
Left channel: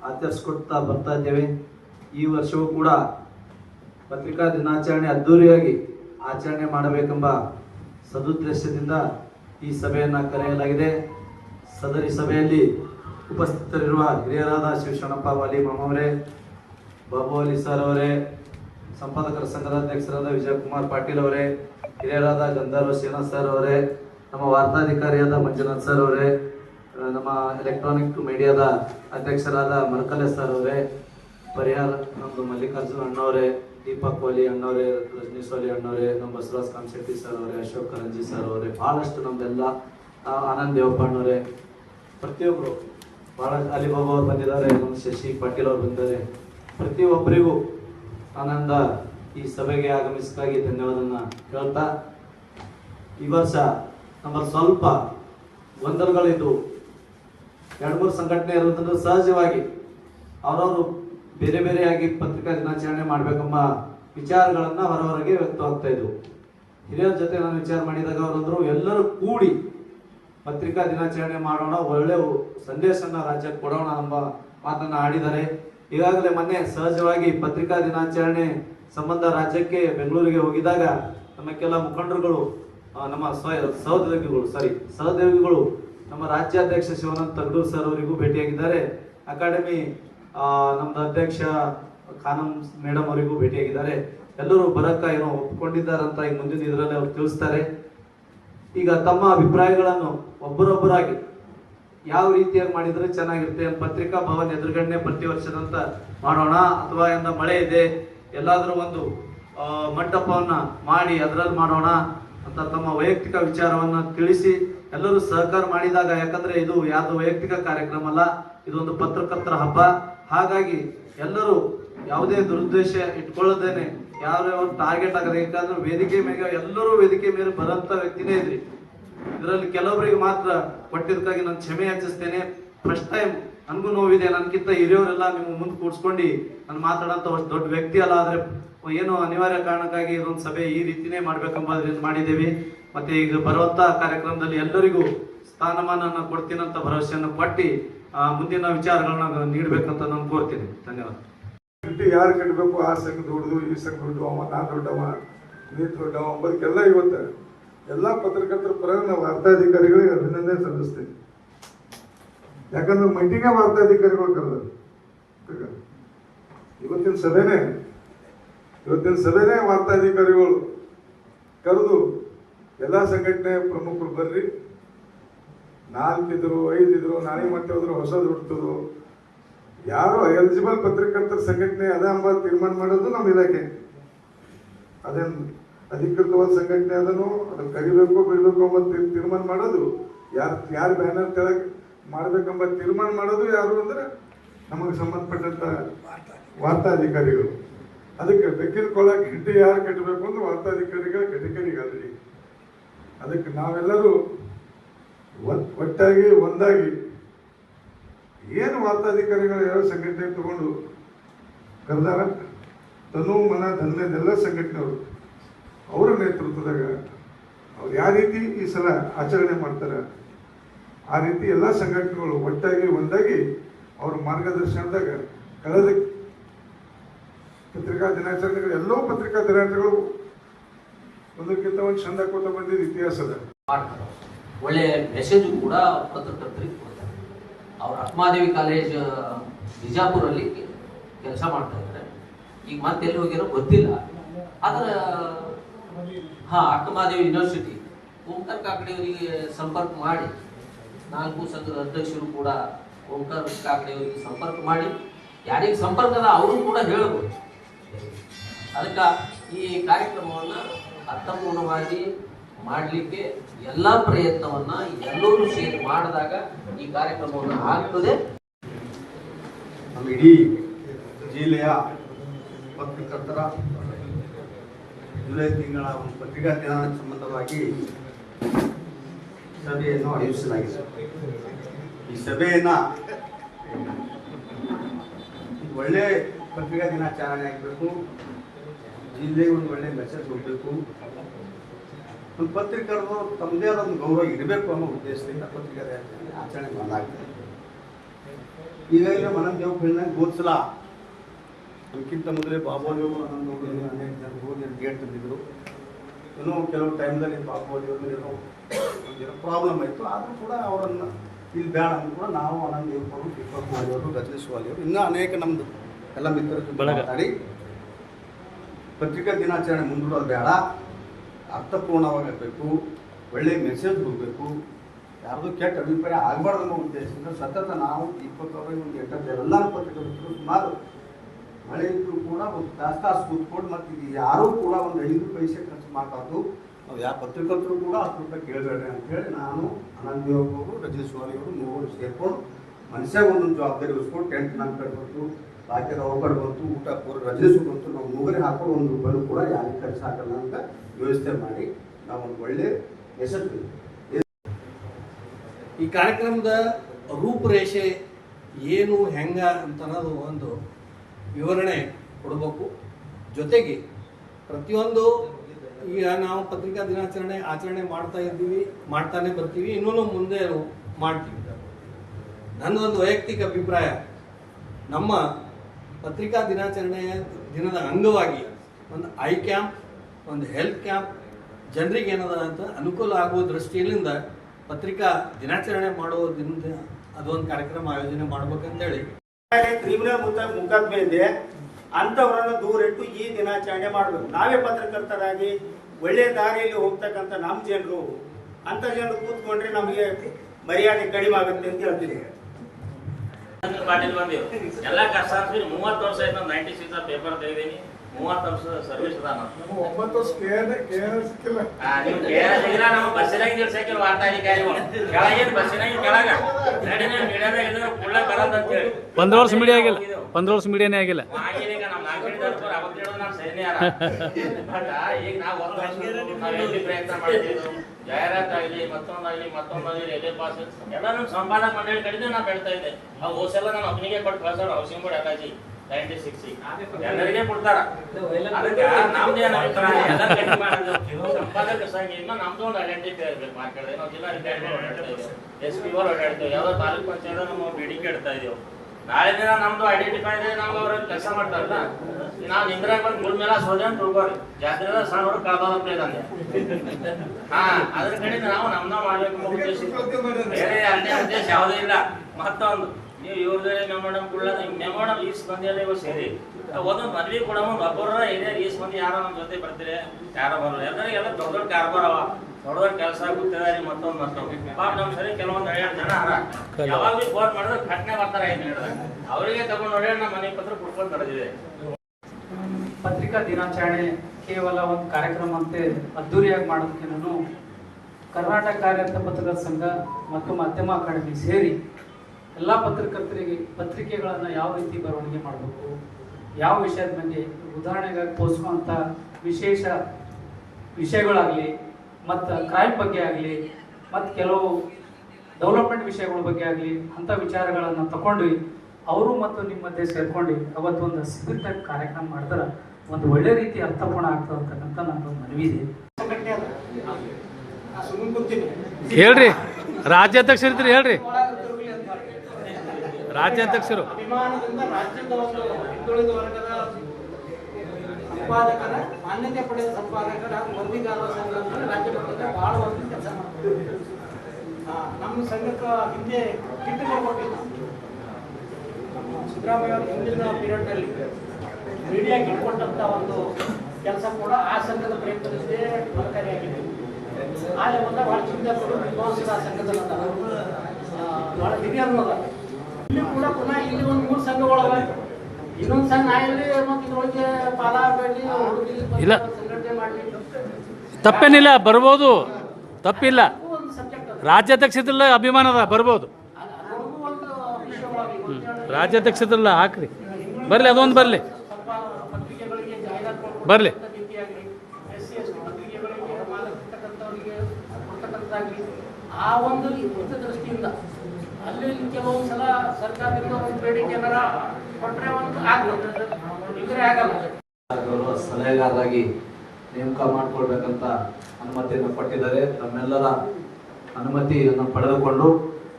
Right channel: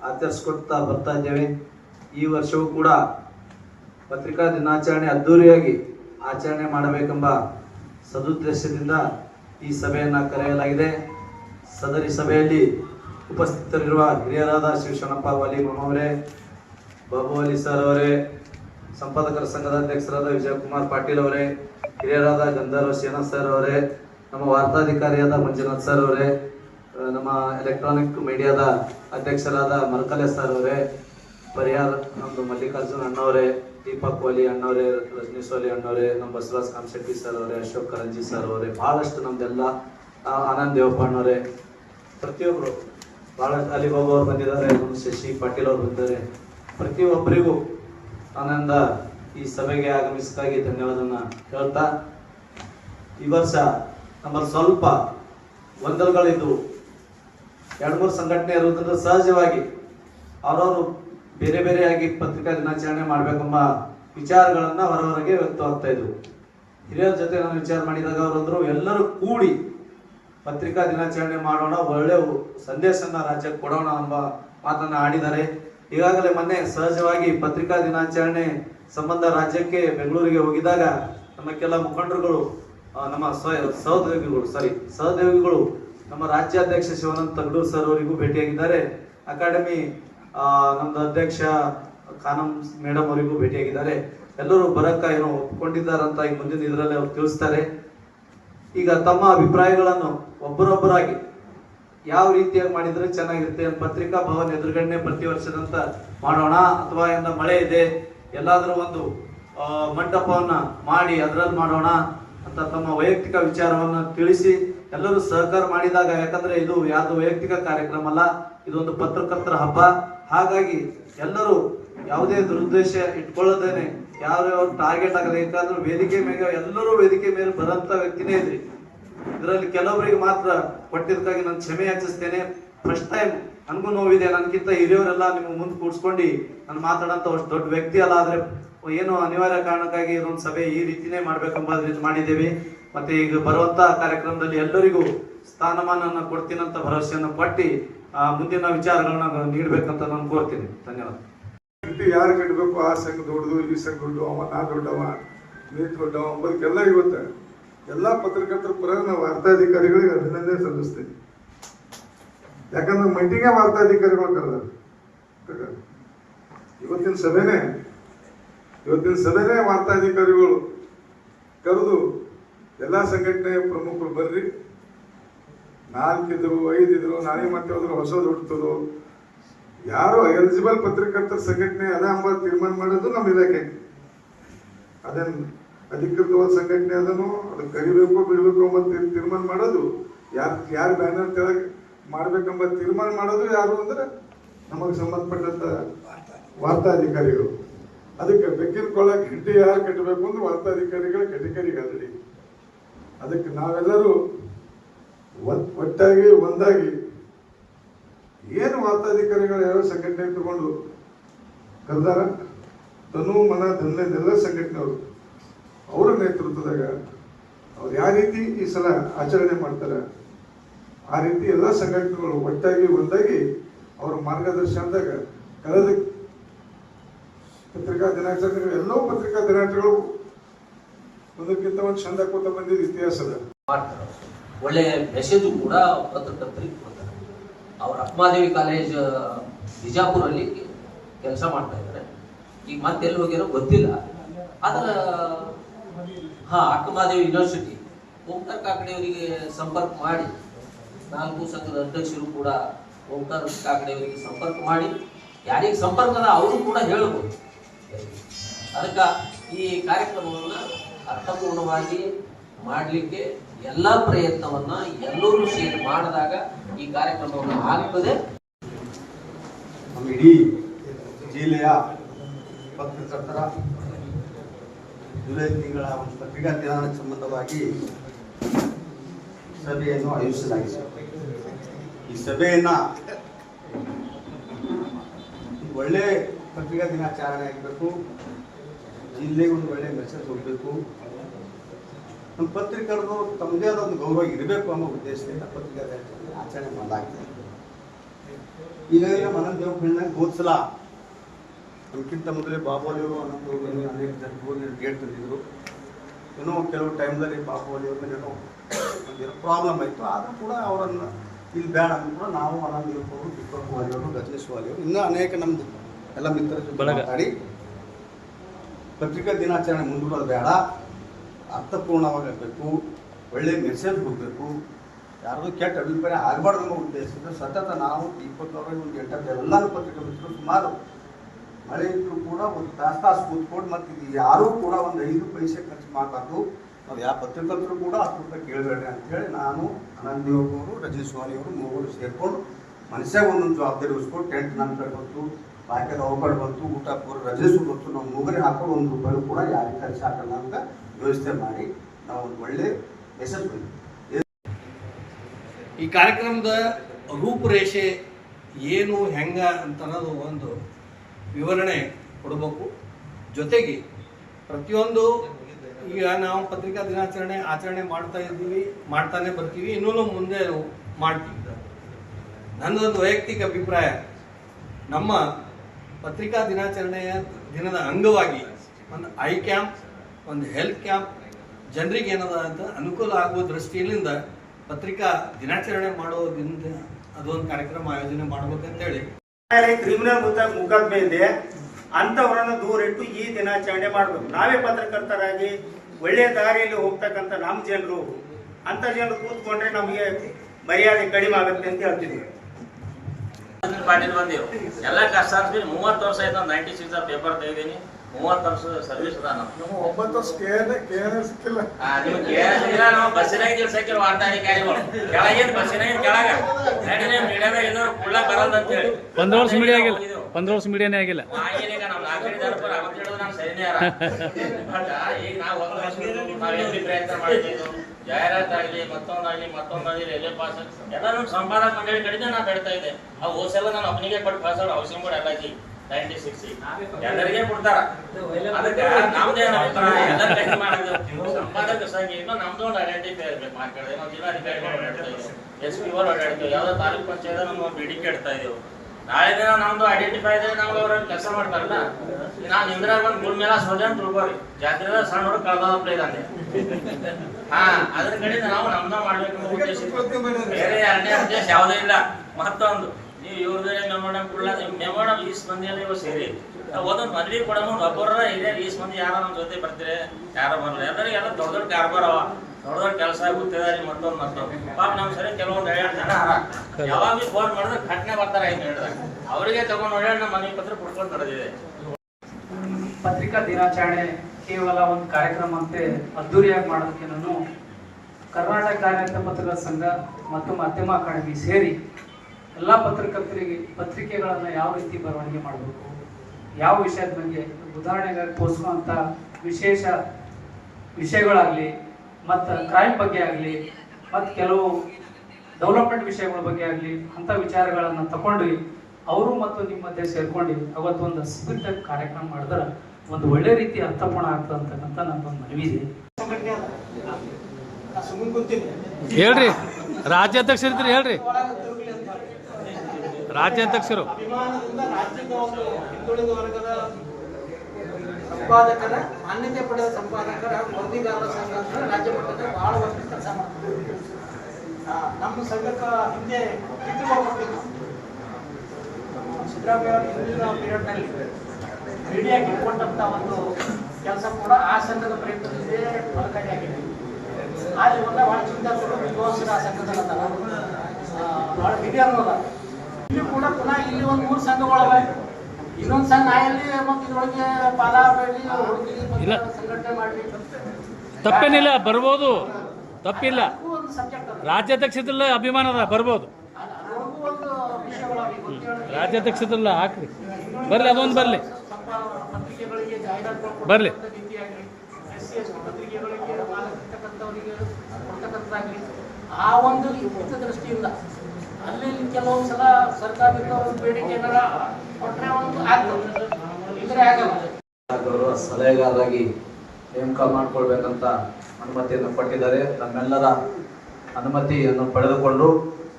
ಆಚರಿಸ್ಕೊಡ್ತಾ ಬರ್ತಾ ಇದ್ದೇವೆ. ಈ ವರ್ಷವೂ ಕೂಡ ಪತ್ರಿಕಾ ದಿನಾಚರಣೆ ಅದ್ದೂರಿಯಾಗಿ ಆಚರಣೆ ಮಾಡಬೇಕೆಂಬ ಸದುದ್ದೇಶದಿಂದ ಈ ಸಭೆಯನ್ನು ಕರೆಯಲಾಗಿದೆ. ಸದರಿ ಸಭೆಯಲ್ಲಿ ಉಪಸ್ಥಿತರಿರುವ ಹಿರಿಯರಾದ ಶಿವಶರಣಪ್ಪ ವಾಲಿ ಅವರೇ ಬಾಬು ಅಲಿ ಸರ್ ಅವರೇ, ಸಂಪಾದಕರ ಸಂಘದ ಅಧ್ಯಕ್ಷರಾದ ವಿಜಯಕುಮಾರ್ ಪಾಟೀಲ್ ಅವರೇ, ಹಿರಿಯರಾದ ಗಂಧರ್ವ ಸೇನಾ ಸರ್ ಅವರೇ, ನಮ್ಮ ವಾರ್ತಾಧಿಕಾರಿಯಾದ ಮಂಜುನಾಥ್ ಸರ್ ಅವರೇ ನಮ್ಮ ಎಲೆಕ್ಟ್ರಾನಿಕ್ ಮೀಡಿಯಾದ ಅಧ್ಯಕ್ಷರಾದ ಮರಕಲೆ ಸರ್ ಅವರೇ, ಪರಿಹಾರ ಮಲ್ಲಿಕಾರ್ಜುನ್ ಅಣ್ಣವರೇ ದೀಪಕ್ ಓಲಿ ಅಣ್ಣವರೇ ರಜನೀಶ್ ಓಲಿ ಅಣ್ಣವರೇ, ನಮ್ಮ ಬಸವರಾಜ್ ಕಾಮಶೆಟ್ಟಿ ಸರ್ ಅವರೇ, ಅಶೋಕ್ ಕರಂಜಿ ಸರ್ ಅವರೇ, ಬಹಳಷ್ಟು ನಮ್ದೆಲ್ಲ ಆನಂದ್ ದೇವಪ್ಪ ಅಣ್ಣವರೇ ಪ್ರತಿಯೊಬ್ಬರು ಬಹಳ ಅಲಿಬಾಬಾ ಅವ್ರು ಬಂದಿದ್ದಾರೆ, ನಮ್ಮ ಶಶಿ ಪಾಟೀಲ್ ಅವ್ರು ಬಂದಿದ್ದಾರೆ. ಪ್ರತಿಯೊಬ್ಬರಿಗೂ ಆನಂದ ಈ ಸಭೆಗೆ ಆಗಮಿಸಿದಾಗಿ ಧನ್ಯವಾದನ ಹೇಳ್ತಾ, ಈ ವರ್ಷ ನಮ್ಮಲ್ಲಿ ಸ್ವಲ್ಪ ಗೊಂದಲಗಳಿದ್ದು ಎರಡು ಮೂರು ಸಂಘಟನೆ ಇರುವುದರಿಂದ ಸಹಜವಾಗಿ ಅವರವರು ಬೇರೆ ಬೇರೆಯಾಗಿ ಪತ್ರಿಕಾ ದಿನಾಚರಣೆ ಮಾಡಬೇಕೆಂಬ ವಿಚಾರಗಳನ್ನು ಹೊರಹೊರಗೆ ವ್ಯಕ್ತವಾಗ್ತಾ ಇದ್ವು. ಹಿರಿಯರ ಜೊತೆ ನಾನು ವಿಚಾರ ಮಾಡಿದಾಗ ಅವರಂದ್ರು ಎಲ್ಲರೂ ಕೂಡಿ ಪತ್ರಿಕಾ ದಿನಾಚರಣೆ ಮಾಡೋಣ, ಒಳ್ಳೆ ಸಂದೇಶನ ರಾಜ್ಯಕ್ಕೆ ಕೊಡೋಣ ಎಂಬ ಮಾತನ್ನ ಆಡಿದ್ದಾರೆ. ಈಗಾಗಲೇ ಮೊನ್ನೆ ಸಹಜವಾಗಿ ಪತ್ರಿಕಾ ದಿನಾಚರಣೆ ಸಂಬಂಧ ರಾಜ್ಯಕ್ಕೆ ಬೆಂಗಳೂರಿಗೆ ಹೋಗಿದಾಗ ನಮ್ಮ ಕೆಲ ಮುಖಂಡರುಗಳು ನಮ್ಮ ಸಹೋದ್ಯೋಗಿಗಳು ಸಾರಿ ಸಹೋದ್ಯೋಗಿಗಳು ನಮ್ಮ ರಾಜ್ಯಾಧ್ಯಕ್ಷ ಶಿವಾನಂದ ತಗಡೂರ್ ಸರ್ ಅವರಿಗೂ ಭೇಟಿಯಾಗಿದ್ದಾರೆ. ಅಕಾಡೆಮಿ ನಮ್ದು ಅಧ್ಯಕ್ಷ ಖಾನಂ ಮೇಡಮ್ ಅವರಿಗೂ ಭೇಟಿಯಾಗಿದ್ದಾರೆ. ಎಲ್ಲರೂ ಬರಕ್ಕ ಏನೋ ಒಪ್ಕೊಂಡಿದ್ದಾರಂತ ಈ ಮುಂದಿನ ಇದರಲ್ಲಿ ಅವ್ರು ತಿಳಿಸ್ತಾರೆ. ಈಗ ತಮ್ಮ ಅಭಿಪ್ರಾಯಗಳನ್ನು ಒಬ್ಬರೊಬ್ಬರಾಗಿ ಯಾವ ರೀತಿಯಾಗಿ ಮಾಡಿದ್ರೆ ಚೆನ್ನಾಗಿರುತ್ತೆ ಪತ್ರಿಕಾ ಭವನ ಎದುರುಗಡೆ ಪ್ರತಿ ವರ್ಷದಂತ ಮಾಡೋಣ ಅಥವಾ ಏನ ಮಳೆ ಇದೆ, ಎಲ್ಲಾದ್ರೂ ಒಂದು ಮಂಟಪವನ್ನ ಮಾಡಿ ಅದ್ರದ್ದು ಮಾಡೋಣ ಅಂತ ತಮ್ಮ ವೈಯಕ್ತಿಕ ವಿಚಾರವನ್ನ ತಿಳಿಸಿ ಎಲ್ಲರೂ ಸಹಕಾರ ಮಾಡಿದಾಗ ಯಾಕಂದ್ರೆ ಇದು ಯಾವ್ದು ವೈಯಕ್ತಿಕ ಕಾರ್ಯಕ್ರಮ ಅಲ್ಲ, ಇದೊಂದು ಪತ್ರಕರ್ತರ ಹಬ್ಬ. ಹಾಗಾಗಿ ಎಲ್ಲರೂ ಯಾವುದೇ ದುರುದ್ದೇಶ ಇಟ್ಕೊಳ್ಳದೇನೆ ಯಾವ ಯಾವ ಟಾರ್ಗೆಟ್ ಆಗದೆ ಯಾಕಂದ್ರೆ ವೇದಿಕೆ ಮೇಲೆ ಎಲ್ಲರೂ ವೇದಿಕೆ ಮೇಲೆ ಬರಂತ ವ್ಯಕ್ತಿನೇ ಇದ್ರಿ. ಇದರಲ್ಲಿ ಕೆಲವರಿಗೆ ಮಾತ್ರ ಕೊಟ್ಟಿದ್ದಕ್ಕಾಗಿ ನಾನು ಕ್ಷಮೆ ಯಾಚಿಸ್ತೇನೆ. ಫಸ್ಟ್ ಟೈಮ್ ನನಗೂ ನೋವಿದೆ ನನಗಿಂತ ಹಿರಿಯವರೆಲ್ಲ ನಿಮ್ಮ ಮುಂದೆ ಕೂಡ್ಸ್ಕೊಂಡು ನಾನು ಮಾತಾಡೋಂಥ ಅಷ್ಟು ದೊಡ್ಡ ವ್ಯಕ್ತಿ ಅಲ್ಲ, ಆದರೆ ಏನು ಅನಿವಾರ್ಯ ಕಾರಣಕ್ಕಾಗಿ ಇದೊಂದು ಸಭೆ ಈ ರೀತಿನೇ ಮಾಡ್ಬೇಕಂಬ ಮಾಡಿದ್ದೀವಿ. ಮತ್ತೆ ಈಗ ಬರುವಂತ ಕಾರ್ಯಕ್ರಮದಲ್ಲಿ ಎಲ್ಲರಿಗೂ ಸ್ಥಾನಮಾನನ ಕೊಡ್ತೀನಂತ ಭರವಸೆಯನ್ನು ಕೊಟ್ಟು ಮುಂದಿನ ವಿಚಾರಗಳನ್ನ ನೀಡಬೇಕಂತ ನಾನು ಕೋರ್ತೀನಿ. ಧನ್ಯವಾದ. ಗಂಟೆ ಯಾರು ಕಟ್ಟಬೇಕು ಆ ಸಂಘ ದೊಡ್ಡದು, ಈ ಸಂಘ ದೊಡ್ಡದು, ಅವ, ನಾ ದೊಡ್ಡವ ನೀ ದೊಡ್ಡವ ಅಂಬೋದಕ್ಕೆಲ್ಲ ಇವತ್ತು ಎಲ್ಲ ಪತ್ರಕರ್ತರ ಪರ ನಾವು ವಾರ್ತಾಧಿಕಾರಿಗಳಿಗೆ ಅಭಿನಂದನೆ ಸಲ್ಲಿಸ್ತೇನೆ. ಯಾಕಂದ್ರೆ ಮೀಟಿಂಗೇ ವಾರ್ತಾಧಿಕಾರಿಗಳು ಕರೆದಾರೆ. ಇವತ್ತಿನ ಸಭೆನೇ ಇವತ್ತಿನ ಸಭೆನೇ ವಾರ್ತಾಧಿಕಾರಿಗಳು ಕರೆದು ಎಲ್ಲ ಸಂಘಟನೆ ಪ್ರಮುಖರು ಬರ್ರಿ. ನಾಲ್ಕಿದ್ರು, ಐದಿದ್ರು ನಾಳೆ ಮತ್ತೆ ಹೋದ್ರು ಹೊಸದು ಹುಡ್ತದು ಯಾರು ಎಲಿಜಿಬಲ್ ಪತ್ರಕರ್ತರ ಸಂಘಟನೆ ಅದ ಅಂಬ ತೀರ್ಮಾನ ಮಾಡೋದು ನಮ್ಮ ಇಲಾಖೆ. ಅದೇನು ಅಧಿಕೃತವಾದ ಸಂಘಟನೆ ಅದನ್ನು ಅದನ್ನು ಕರಿಬೇಕು ಬಿಡಬೇಕು ತೀರ್- ತೀರ್ಮಾನ ಮಾಡೋದು. ಯಾರು ಯಾರು ಬ್ಯಾನರ್ ತೆಳಗ್ ಮಾಡ್ಬೇಕೆಂಬ ತೀರ್ಮಾನ ಮಾಡೋದು ಯಾರು ಅಂದ್ರೆ ನಮಗೆ ಸಂಬಂಧಪಟ್ಟಂತ ವಾರ್ತಾಧಿಕಾರಿಗಳು ಅದಕ್ಕೆ ಬೆಕ್ಕಿನ ಕೊಳ ಯಾರು ಕಟ್ಟಬೇಕು ಅಂದ್ರೆ ವಾರ್ತಾಧಿಕಾರಿಗಳ ಕಟಿಕರಿಗೆ ಆಲ್ರೆಡಿ ಅದಕ್ಕೆ ನಾವೆಲ್ಲರೂ ಒಟ್ಟಾಗಿ ಒಂದಾಗಿ ಏನು ವಾರ್ತಾಧಿಕಾರಿಗಳು ಯಾವ ಸಂಘಟನೆ ತಗೊಂಡು ಕರೆದಾರ? ತನು ಮನ ಧನ್ಯದೆಲ್ಲ ಸಂಘಟನೆಯವರು. ಅವರ ನೇತೃತ್ವದಾಗ ಅವ್ರು ಯಾವ ರೀತಿ ಈ ಸಲ ಆಚರಣೆ ಮಾಡ್ತಾರೆ? ಆ ರೀತಿ ಎಲ್ಲ ಸಂಘಟನೆಗಳು ಒಟ್ಟಾಗಿ ಒಂದಾಗಿ ಅವರ ಮಾರ್ಗದರ್ಶನದಾಗ ಕಳೆದ ಪತ್ರಿಕಾ ದಿನಾಚರಣೆಗಳು, ಎಲ್ಲೋ ಪತ್ರಿಕಾ ದಿನಾಚರಣೆಗಳು ಒಂದಕ್ಕಿಂತ ಒಂದು ಚಂದ ಕೊತ್ತ ಬಂದಿದ್ದ ಇತಿಹಾಸ ಅದ ಮಾಡ್ತಾರೆ ಒಳ್ಳೆ ಮೆಸೇಜು ಕೂಡ ಪತ್ರಕರ್ತರಿಗೆ ಕೊಡ್ತಾರೆ. ಅವರು ಅಕ್ಮಾದೇವಿ ಕಾಲೇಜ್ ಬಿಜಾಪುರಲ್ಲಿ ಕೆಲಸ ಮಾಡ್ತಾ ಇದ್ದಾರೆ. ಈಗ ಮತ್ತೆ ಎಲ್ಲಿ ಹೋಗಿರೋ ಗೊತ್ತಿಲ್ಲ. ಅದರ ಹಾ ಅಕ್ಕಮಾದೇವಿ ಯೂನಿವರ್ಸಿಟಿ ಓಂಕಾರ ಕಾಕಡೆ ಅವರಿಗೆ ಸಂಪರ್ಕ ಮಾಡಿ, ನಾಲ್ಕು ಸಂಘದ ಅಧ್ಯಕ್ಷರು ಕೂಡ ಓಂಕಾರ ಕಾಕಡೆ ಅವರಿಗೆ ಸಂಪರ್ಕ ಮಾಡಿ, ಯಾರಿಗೆ ಸಂಪರ್ಕದ ಅವರು ಕೂಡ ಹೇಳ್ಬೋದು. ಅದಕ್ಕೆ ಈ ಕಾರ್ಯಕ್ರಮವನ್ನು ಅರ್ಥಪೂರ್ಣವಾಗಿ ಮಾಡಲಿಕ್ಕೆ ಎಲ್ಲ ಪ್ರಯತ್ನವನ್ನ ಎಲ್ಲರೂ ಸೇರಿ ಮಾಡಿದಾಗ ಈ ಕಾರ್ಯಕ್ರಮವನ್ನು ಆಗ್ತದೆ. ನಮ್ಮ ಇಡೀ ಜಿಲ್ಲೆಯ ಪತ್ರಕರ್ತರ ಜುಲೈ ತಿಂಗಳ ಒಂದು ಪತ್ರಿಕಾ ದಿನಾಚರಣೆ ಸಂಬಂಧವಾಗಿ ಸಭೆಯನ್ನು ಆಯೋಜಿಸಲಾಗಿದೆ. ಈ ಸಭೆಯನ್ನ ಒಳ್ಳೆ ಪತ್ರಿಕಾ ದಿನಾಚರಣೆ ಆಗಬೇಕು, ಜಿಲ್ಲೆಗೆ ಒಂದು ಒಳ್ಳೆ ಮೆಸೇಜ್ ಹೋಗಬೇಕು ನಮ್ಮ ಪತ್ರಿಕರರು ತಮ್ಮದೇ ಆದ ಒಂದು ಗೌರವ ಇರಬೇಕು ಅನ್ನೋ ಉದ್ದೇಶದಿಂದ ಪತ್ರಿಕಾ ದಿನಾಚರಣೆ ಆಚರಣೆ ಮಾಡಲಾಗ್ತದೆ. ಈಗಾಗಲೇ ಮನನ್ ದೇವ್ ಹೇಳಿದಾಗ ಗೋತ್ಸಲ ನಮ್ಗಿಂತ ಮೊದಲೇ ಬಾಬುಲಿಯವರು ಆನಂದ್ ಅವರು ಅನೇಕ ಜನರು ಗೇಟ್ ತಂದಿದ್ರು. ಏನೋ ಕೆಲವು ಟೈಮ್ದಲ್ಲಿ ಬಾಬುಲಿಯವ್ರ ಏನೋ ಒಂದೇನೋ ಪ್ರಾಬ್ಲಮ್ ಆಯಿತು. ಆದರೂ ಕೂಡ ಅವರನ್ನು ಇಲ್ಲಿ ಬೇಡ ಅಂದ್ರೂ ಕೂಡ ನಾವು ಆನಂದ್ ದೇವರು ದೀಪಕ್ ಮಾಲಿಯವರು ರಜನೀಶ್ ವಾಲಿಯವರು ಇನ್ನೂ ಅನೇಕ ನಮ್ಮದು ಎಲ್ಲ ಮಿತ್ರರ ಜೊತೆ. ಮಾತಾಡಿ ಪತ್ರಿಕಾ ದಿನಾಚರಣೆ ಮುಂದೂಡೋದು ಬೇಡ. ಅರ್ಥಪೂರ್ಣವಾಗಿರಬೇಕು, ಒಳ್ಳೆ ಮೆಸೇಜ್ ಹೋಗಬೇಕು ಯಾರ್ದು ಕೆಟ್ಟ ಅಭಿಪ್ರಾಯ ಆಗಬಾರ್ದು ಅನ್ನೋ ಉದ್ದೇಶದಿಂದ ಸತತ ನಾವು ಇಪ್ಪತ್ತವರೆಗೆ ಒಂದು ಎಂಟತ್ತು ಎಲ್ಲ ಪತ್ರಿಕೆ ಸುಮಾರು ಮಳೆ ಇದ್ದರೂ ಕೂಡ ಒಂದು ತಾಸು ತಾಸು ಕೂತ್ಕೊಂಡು ಮತ್ತು ಯಾರೂ ಕೂಡ ಒಂದು ಐದು ಪೈಸೆ ಖರ್ಚು ಮಾಡಬಾರ್ದು. ನಾವು ಯಾವ ಪತ್ರಿಕರ್ತರು ಕೂಡ ಹತ್ತು ರೂಪಾಯಿ ಕೇಳಬೇಡ್ರಿ ಅಂತೇಳಿ ನಾನು ಆನಂದಿಯವರು ರಜನೀಶ್ ಅವರು ಮೂವರು ಸೇರಿಕೊಂಡು ಮನುಷ್ಯಾಗ ಒಂದೊಂದು ಜವಾಬ್ದಾರಿ ಉಳಿಸ್ಕೊಂಡು ಟೆಂಟ್ ನನ್ನ ಕಡೆ ಬಂತು, ಬಾಕಿ ಅವ್ರ ಕಡೆ ಬಂತು, ಊಟ ಪೂರ ರಜನೀಶ್ ಬಂತು ನಾವು ಮೂಗರಿ ಹಾಕೊಂಡು ಒಂದು ರೂಪಾಯಿ ಕೂಡ ಯಾರಿಗೆ ಖರ್ಚು ಹಾಕಲ್ಲ ಅಂತ ವ್ಯವಸ್ಥೆ ಮಾಡಿ ನಾವು ಒಂದು ಒಳ್ಳೆ ಹೆಸರು ಈ ಕಾರ್ಯಕ್ರಮದ ರೂಪುರೇಷೆ ಏನು, ಹೆಂಗ ಅಂತ ಅನ್ನೋದು ಒಂದು ವಿವರಣೆ ಕೊಡಬೇಕು. ಜೊತೆಗೆ ಪ್ರತಿಯೊಂದು ಈಗ ನಾವು ಪತ್ರಿಕಾ ದಿನಾಚರಣೆ ಆಚರಣೆ ಮಾಡ್ತಾ ಇದ್ದೀವಿ, ಮಾಡ್ತಾನೆ ಬರ್ತೀವಿ ಇನ್ನೂ ಮುಂದೆ ಮಾಡ್ತೀವಿ. ನನ್ನದೊಂದು ವೈಯಕ್ತಿಕ ಅಭಿಪ್ರಾಯ, ನಮ್ಮ ಪತ್ರಿಕಾ ದಿನಾಚರಣೆಯ ದಿನದ ಅಂಗವಾಗಿ ಒಂದು ಐ ಕ್ಯಾಂಪ್ ಒಂದು ಹೆಲ್ತ್ ಕ್ಯಾಂಪ್ ಜನರಿಗೆ ಏನದ ಅಂತ ಅನುಕೂಲ ಆಗುವ ದೃಷ್ಟಿಯಿಂದ ಪತ್ರಿಕಾ ದಿನಾಚರಣೆ ಮಾಡೋದ್ರಿಂದ ಅದೊಂದು ಕಾರ್ಯಕ್ರಮ ಆಯೋಜನೆ ಮಾಡ್ಬೇಕಂತೇಳಿ. ಕ್ರಿಮಿನಲ್ ಮುತ ಮುಕದ್ಮೆ ಇದೆ. ಅಂಥವರನ್ನು ದೂರಿಟ್ಟು ಈ ದಿನಾಚರಣೆ ಮಾಡಬೇಕು. ನಾವೇ ಪತ್ರಕರ್ತರಾಗಿ ಒಳ್ಳೆಯ ದಾರಿಯಲ್ಲಿ ಹೋಗ್ತಕ್ಕಂಥ ನಮ್ಮ ಜನರು ಅಂಥ ಜನರು ಕೂತ್ಕೊಂಡ್ರೆ ನಮಗೆ ಮರ್ಯಾದೆ ಕಡಿಮೆ ಆಗುತ್ತೆ ಅಂತ ಹೇಳ್ತಿದ್ದೀವಿ ಪಾಟೀಲ್ ಬಂದಿರು ಎಲ್ಲ ಕಷ್ಟ ಮೂವತ್ತು ವರ್ಷ ಆಯ್ತು ನೈಂಟಿ ಸಿಕ್ಸ್ ಪೇಪರ್ ತೆಗಿದೀನಿ. ಮೂವತ್ತು ವರ್ಷದ ಸರ್ವಿಸ್ ಅದ ನಾವು ನಮ್ಮ ಒಂಬತ್ತು ವರ್ಷ ಕೆ ಎನ್ ಕೆ ಎನ್ ಸಿಕ್ಕಿಲ್ಲ. ಆ, ನಾವು ಬಸ್ಸಿನಾಗ ಕೆಳಗೇನು ಬಸ್ಸಿನಾಗ ಕೆಳಗ? ನಡಿನೇ ಮೀಡಿಯಾದಾಗ ಎಲ್ಲರೂ ಕುಳ್ಳ ಅಂತ ಹೇಳಿ. ಒಂದು ವರ್ಷ ಮೀಡಿಯಾ ಆಗಿಲ್ಲ. ಒಂದು ವರ್ಷ ಮೀಡಿಯಾನೇ ಆಗಿಲ್ಲ. ಆಗಿಲ್ಲ ಈಗ ನಮ್ಮ ನಾಲ್ಕೈದು ಜನರು ಅವತ್ತು ಹೇಳೋದು ನಾವು ಸರಿನೇ ಅರ. ಬಟ್ ಈಗ ನಾವು ಒಂದು ವರ್ಷ ನಾವು ಎಲ್ಲಿ ಪ್ರಯತ್ನ ಮಾಡ್ತಿದ್ವು ಜಾಹೀರಾತು ಆಗಲಿ ಮತ್ತೊಂದಾಗಲಿ ಮತ್ತೊಂದಾಗಲಿ ರೈಲ್ವೆ ಪಾಸ್ ಎಲ್ಲ ನಮ್ಮ ಸಂಪಾದಕ ಮಂಡಳಿ ಕಡೆಯಿಂದ ನಾನು ಬೆಳ್ತಾ ಇದ್ದೆ. ಆ ಹೋಸೆಲ್ಲ ನಾನು ಒಬ್ಬನಿಗೆ ಕೊಟ್ಟು ಕಳ್ಸೋರು ಹೌಸಿಂಗ್ ಬೋರ್ಡ್ ಎಲ್ಲ ಹಾಕಿ. ನೈಂಟಿ ಸಿಕ್ಸ್ ಎಲ್ಲರಿಗೆ ಕೊಡ್ತಾರ. ಅದಕ್ಕೆ ನಮ್ದೇನು ಅಭಿಪ್ರಾಯ ಎಲ್ಲ ಕಡಿಮೆ ಮಾಡೋದು ಸಂಪಾದಕ ಸಂಘ ಇನ್ನೂ ನಮ್ದು ಒಂದು ಐಡೆಂಟಿಫೈ ಇರ್ಬೇಕು ಮಾರ್ಕೆಟ್ ನಾವು ಜಿಲ್ಲಾಧಿಕಾರಿಗಳು ಓಡಾಡ್ತಾ ಇದ್ದೇವೆ ಎಸ್ ಪಿ ಅವರು ಓಡಾಡ್ತೇವೆ ಯಾವ್ದೋ ತಾಲೂಕ್ ಪಂಚಾಯತ್ ನಮ್ಮ ಇದ್ದೇವೆ ನಾಳೆ ದಿನ ನಮ್ದು ಐಡೆಂಟಿಫೈ ಇದೆ ನಮ್ಗೆ ಅವ್ರ ಕೆಲಸ ಮಾಡ್ತಾರಲ್ಲ. ನಾವು ನಿಂದ್ರಾಗ ಬಂದು ಗುಲ್ ಮೇಲೆ ಅಂತ ಜಾತ್ರೆ ಸಣ್ಣ ಹುಡುಗ ಹಾ ಅದ್ರ ನಾವು ನಮ್ದ ಮಾಡ್ಬೇಕು. ಬೇರೆ ಎರಡನೇ ಉದ್ದೇಶ ಯಾವುದೂ ಇಲ್ಲ. ಮತ್ತೊಂದು. ನೀವು ಇವ್ರದೇ ಮೆಮೊರಂ ಕೂಡ ಮೆಮೊರಂ ಈಸ್ ಮಂದಿಯಲ್ಲಿ ನೀವು ಸೇರಿ. ಒಂದೊಂದು ಮದ್ವಿ ಕೂಡ ಒಂದು ಒಬ್ಬರ ಹಿರಿಯ ಈಸ್ ಮಂದಿ ಯಾರೋ ನಮ್ಮ ಜೊತೆ ಬರ್ತೀರಿ ಯಾರೋ ಬರಲ್ಲ ಎಲ್ಲರಿಗೆ ಎಲ್ಲ ದೊಡ್ಡ ದೊಡ್ಡ ಕಾರ್ಬಾರ ಅವ. ದೊಡ್ಡ ದೊಡ್ಡ ಕೆಲಸ ಗುತ್ತಿದಾರಿ ಮತ್ತೊಂದು ಮತ್ತೊಂದು. ಪಾಪ ನಮ್ ಸರಿ ಕೆಲವೊಂದು ಜನ ಅರ ಯಾವಾಗ ಫೋನ್ ಮಾಡಿದ್ರೆ ಘಟನೆ ಬರ್ತಾರೆ ಹೆಂಗೆ ಹೇಳಿದ್ರೆ ಅವರಿಗೆ ತಗೊಂಡು ನೋಡಿ ನಮ್ಮ ಮನೆ ಪತ್ರ ಕುಡ್ಕೊಂಡು ನಡೆದಿದೆ. ಪತ್ರಿಕಾ ದಿನಾಚರಣೆ ಕೇವಲ ಒಂದು ಕಾರ್ಯಕ್ರಮ ಅಂತೆ ಅದ್ದೂರಿಯಾಗಿ ಮಾಡೋದಕ್ಕಿಂತ ಕರ್ನಾಟಕ ಕಾರ್ಯಕರ್ತ ಪತ್ರಿಕಾ ಸಂಘ ಮತ್ತು ಮಾಧ್ಯಮ ಅಕಾಡೆಮಿ ಸೇರಿ ಎಲ್ಲ ಪತ್ರಕರ್ತರಿಗೆ ಪತ್ರಿಕೆಗಳನ್ನು ಯಾವ ರೀತಿ ಬರವಣಿಗೆ ಮಾಡಬೇಕು? ಯಾವ ವಿಷಯದ ಬಗ್ಗೆ ಉದಾಹರಣೆಗಾಗಿ ತೋರಿಸುವಂಥ ವಿಶೇಷ ವಿಷಯಗಳಾಗಲಿ ಮತ್ತು ಕ್ರೈಮ್ ಬಗ್ಗೆ ಆಗಲಿ ಮತ್ತು ಕೆಲವು ಡೆವಲಪ್ಮೆಂಟ್ ವಿಷಯಗಳ ಬಗ್ಗೆ ಆಗಲಿ ಅಂಥ ವಿಚಾರಗಳನ್ನು ತಗೊಂಡು ಅವರು ಮತ್ತು ನಿಮ್ಮ ಮಧ್ಯೆ ಸೇರ್ಕೊಂಡು ಅವತ್ತೊಂದು ಸಿಬಿಲ್ ಟೈಪ್ ಕಾರ್ಯಕ್ರಮ ಮಾಡಿದ್ರೆ ಒಂದು ಒಳ್ಳೆ ರೀತಿ ಅರ್ಥಪೂರ್ಣ ಆಗ್ತದೆ ಅಂತಕ್ಕಂಥ ನನ್ನೊಂದು ಮನವಿ ಇದೆ. ಹೇಳ್ರಿ. ರಾಜ್ಯಾಧ್ಯಕ್ಷರಿದ್ರಿ ಹೇಳ್ರಿ. ರಾಜ್ಯಾಧ್ಯಕ್ಷರು. ಒಂದು ಸಂಪಾದಕರ, ಮಾನ್ಯತೆ ಪಡೆದ ಸಂಪಾದಕರ ಸಂಘ ರಾಜ್ಯ ಬಹಳ ವರ್ಷ ಕೆಲಸ ನಮ್ಮ ಸಂಘಕ್ಕೆ ಹಿಂದೆ ಕಿಟ್ಟು ಹೋಗ್ಬಿಟ್ಟಿಲ್ಲ ಸಿದ್ದರಾಮಯ್ಯ ಅವರು ಹಿಂದಿನ ಪೀರಿಯಡ್ನಲ್ಲಿ ಮೀಡಿಯಾ ಕಿಟ್ ಒಂದು ಕೆಲಸ ಕೂಡ ಆ ಸಂಘದ ಪ್ರಯತ್ನದಿಂದ ಫಲಕಾರಿಯಾಗಿದೆ. ಆದ್ರೆ ಲೆವೆಲ್ನ ಭಾಳ ಚಿಂತಾಕರು ವಿದ್ವಾಂಸರ ಸಂಘದಲ್ಲಿ ಬಹಳ ಹಿರಿಯರು. ಕೂಡ ಪುನಃ ಇಲ್ಲಿ ಒಂದು ಮೂರು ಸಂಘಗಳವೆ ಇನ್ನೊಂದು ಸಂಘ ಆಯಲ್ಲಿ ಮತ್ತೆ ಇದ್ರೊಳಗೆ ಪಾದ ಹುಡುಗಿ ಇಲ್ಲ. ಸಂಘಟನೆ ಮಾಡಲಿ ತಪ್ಪೇನಿಲ್ಲ ಬರ್ಬೋದು. ತಪ್ಪಿಲ್ಲ. ಒಂದು ಅಭಿಮಾನ ಅದ ಅಭಿಮಾನದ ಬರ್ಬೋದು ರಾಜ್ಯಾಧ್ಯಕ್ಷದಲ್ಲ ರಾಜ್ಯಾಧ್ಯಕ್ಷದಿಲ್ಲ ಹಾಕ್ರಿ. ಬರ್ಲಿ ಅದೊಂದು ಬರ್ಲಿ. ಬರಲಿ. ಆ ಒಂದು ಹಿತದೃಷ್ಟಿಯಿಂದ ಅಲ್ಲಿ ಕೆಲವೊಂದು ಸಲ ಸರ್ಕಾರದಿಂದ ಒಂದು ಬೇಡಿಕೆ ಏನಾರ ಕೊಟ್ಟರೆ ಒಂದು ಆಗ್ಬೋದು. ಇದ್ರೆ ಆಗಲ್ಲ. ಗೌರವ ಸಲಹೆಗಾರರಾಗಿ ನೇಮಕ ಮಾಡಿಕೊಳ್ಬೇಕಂತ ಅನುಮತಿಯನ್ನು ಕೊಟ್ಟಿದ್ದಾರೆ. ನಮ್ಮೆಲ್ಲರ ಅನುಮತಿಯನ್ನು ಪಡೆದುಕೊಂಡು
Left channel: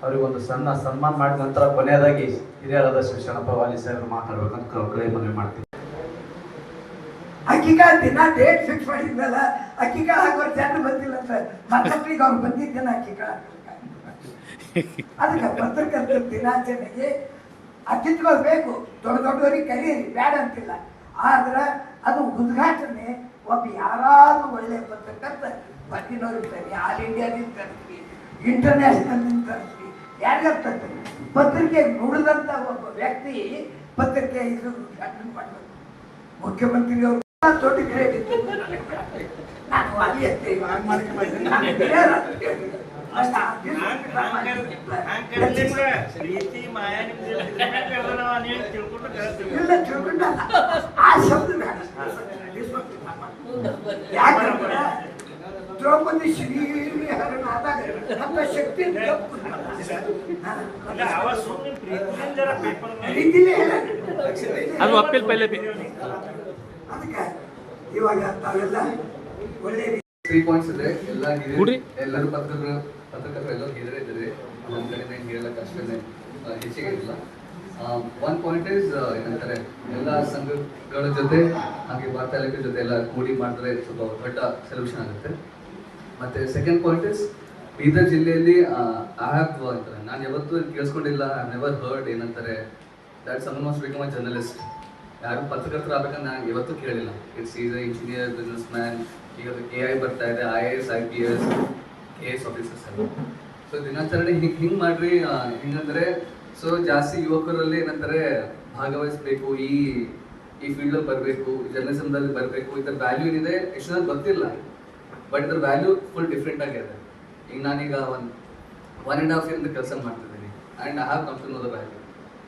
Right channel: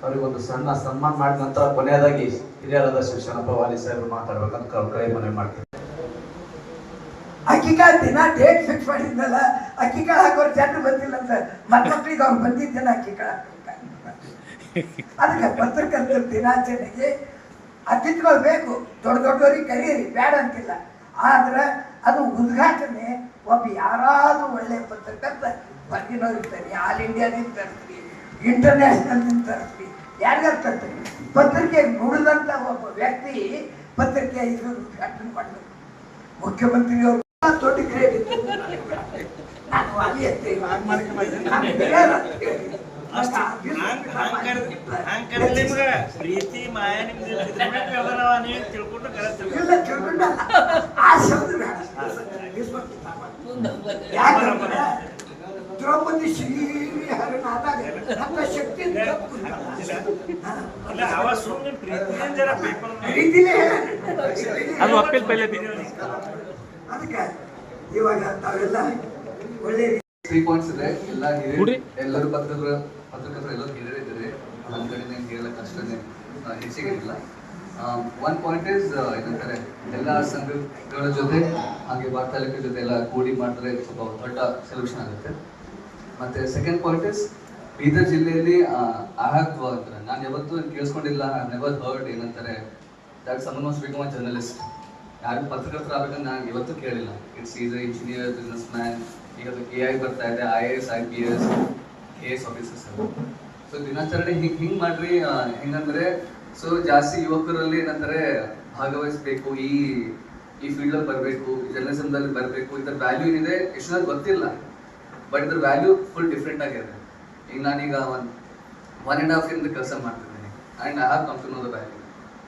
ಅವರಿಗೊಂದು ಸಣ್ಣ ಸನ್ಮಾನ ಮಾಡಿದ ನಂತರ ಕೊನೆಯದಾಗಿ ಹಿರಿಯರಾದ ಶಿಕ್ಷಣ ಪ್ರವಾಲಿ ಸಾಹೇಬರು ಮಾತಾಡ್ಬೇಕಂತ ಕೈ ಮನವಿ ಮಾಡ್ತೀನಿ ಅಕ್ಕಿಕಾಯ ದಿನ ಡೇಟ್ ಫಿಕ್ಸ್ ಮಾಡಿದ್ನಲ್ಲ ಅಕ್ಕಿಕಾಳ ಹಾಕೋರು ಜನ ಬಂದಿಲ್ಲ ಅಂತ ಮಕ್ಕಳಿಗೆ ಅವ್ನು ಬಂದಿದ್ದೇನೆ ಅಕ್ಕಿ ಕಾಳು ಅದಕ್ಕೆ ಪತ್ರಕರ್ತರ ದಿನಾಚರಣೆಗೆ ಅತಿಥಿಗಳು ಬೇಕು. ದೊಡ್ಡ ದೊಡ್ಡವರಿಗೆ ಕರೀರಿ, ಬೇಡ ಅಂತಿಲ್ಲ. ಆದ್ರೆ ಅದು ಉದ್ಘಾಟನೆ, ಒಬ್ಬ ಯಾರಾದ್ರೂ ಒಳ್ಳೆ ಪತ್ರಕರ್ತ ಬಂದಿನವ್ರಿಗೆ ತರಿ ಆಲ್ ಇಂಡಿಯಾದಿಂದ ತರ್ತೀವಿ, ಇಂಟರ್ನ್ಯಾಷನಲ್ ತರ್ತೀವಿ ಯಾರಿಗಾರು ತರ್ತೀವಿ ಪತ್ರಿಕೆ ನುಡಿದಂತ ಒಬ್ಬ ವ್ಯಕ್ತಿ ಪತ್ರಿಕೆ ಇದು ಉದ್ಘಾಟನೆ ಮಾಡಬೇಕು. ಮುಖ್ಯಮಂತ್ರಿಯವರು ದೊಡ್ಡ ಕ್ರೆಡಿಟ್ ನಾನು ಅಲ್ಲಿ ಬೇರೆ ಪ್ರೀತಿ ಮಾಯ ತಿಳ್ಕೊಂಡು ಇಲ್ಲ ತಿಳ್ಕೊಂಡಲ್ಲ ಆ ಶಬ್ದ ಬೇಡ. ಯಾಕಂದ್ರೆ ದ್ರೌಪದಿ ನಮ್ಮ ಶಕ್ತಿ ಪ್ರೀತಿಲೇ ಅದು ಅಪ್ಪೀಲ್ ಪೈಲೆ ಅದಕ್ಕೆ ಇವಾಗ ತಾವೆಲ್ಲ ಒಳ್ಳೆ ತ್ರೀ ಪಾಯಿಂಟ್ಸ್ ಇದೆ. ಎಲ್ಲ. ಎಲ್ಲರೂ ಪತ್ರಕರ್ತರ ಪತ್ರಕರ್ತರು ಎಲ್ಲರೂ ಹಿರಿಯರೇ ಇದ್ದಾರೆ ನಮ್ಮ ಕಡೆ ಏನು ಹೇಳಕ್ಕೆ ಹೆಚ್ಚಿಗೆ ಇಲ್ಲ ಒನ್ ಪಾಯಿಂಟ್ ಇಸ್ ಏನಂತಾರೆ, ಎಲ್ಲ ಸಂಘಗಳ ಜೊತೆ, ಹಾಗೆ ವಾರ್ತಾಲಕ ಜೊತೆ ಎಲ್ಲ ಕೂಡಿ ಮಾಡಿದ್ರೆ ಸ್ವಲ್ಪ ದೊಡ್ಡ ಸೊಲ್ಯೂಷನ್ ಆಗುತ್ತೆ. ಮತ್ತೆ ಸೆಕೆಂಡ್ ಪಾಯಿಂಟ್ ಇಸ್ ಬೀದರ್ ಜಿಲ್ಲೆಯಲ್ಲಿ ಹ್ಯಾವ್ ಅಂತಾರೆ ನಾನು ಯಾವತ್ತೂ ಕೇಳಿಸ್ಕೊಂಡಿಲ್ಲ ಐ ನೆವರ್ ಹರ್ಡ್ ಏನಂತಾರೆ that some must become a journalist ಯಾರು ಪತ್ರಕರ್ತರು ಆಗ್ಬೇಕಂತ ನಾನು ಯಾವತ್ತೂ ಕೇಳಿಲ್ಲ. It's is a engineer businessman ಈಗ ಎ ಐ ಬರ್ತಾ ಇದೆ I A S I P S K S officers ಎಲ್ಲ ಸೊ ದಿನಾಚರಣೆ ಹಿಂಗೆ ಹಿಂಗೆ ಮಾಡ್ರಿ ಹೆಂಗಂದ್ರೆ ಸೊ ಜಾಸ್ತಿ ಯುವಕರಲ್ಲಿ ಏನಂತಾರೆ, ಭಾಗವಹಿಸಬೇಕು, ಈ ಈ ಫೀಲ್ಡಲ್ಲಿ ಬರಬೇಕು ಜರ್ನಲಿಸಮ್ದಲ್ಲಿ ಬರಬೇಕು, ಇದರ ವ್ಯಾಲ್ಯೂ ಏನಿದೆ, ಎಷ್ಟು ಜನ ಗೊತ್ತಿಲ್ಲ. ಬಟ್ ಇದ್ರ ವ್ಯಾಲ್ಯೂ ಫುಲ್ ಡಿಫ್ರೆಂಟ್ ಆಗಿದೆ ಈಗ ನಾನೀಗ ಒನ್ ಒನ್ ಆ್ಯಂಡ್ ಹಾಫ್ ಇಂದ ಕೆಲಸ ಮಾಡ್ತಿದ್ದೀನಿ. And I have come to know the value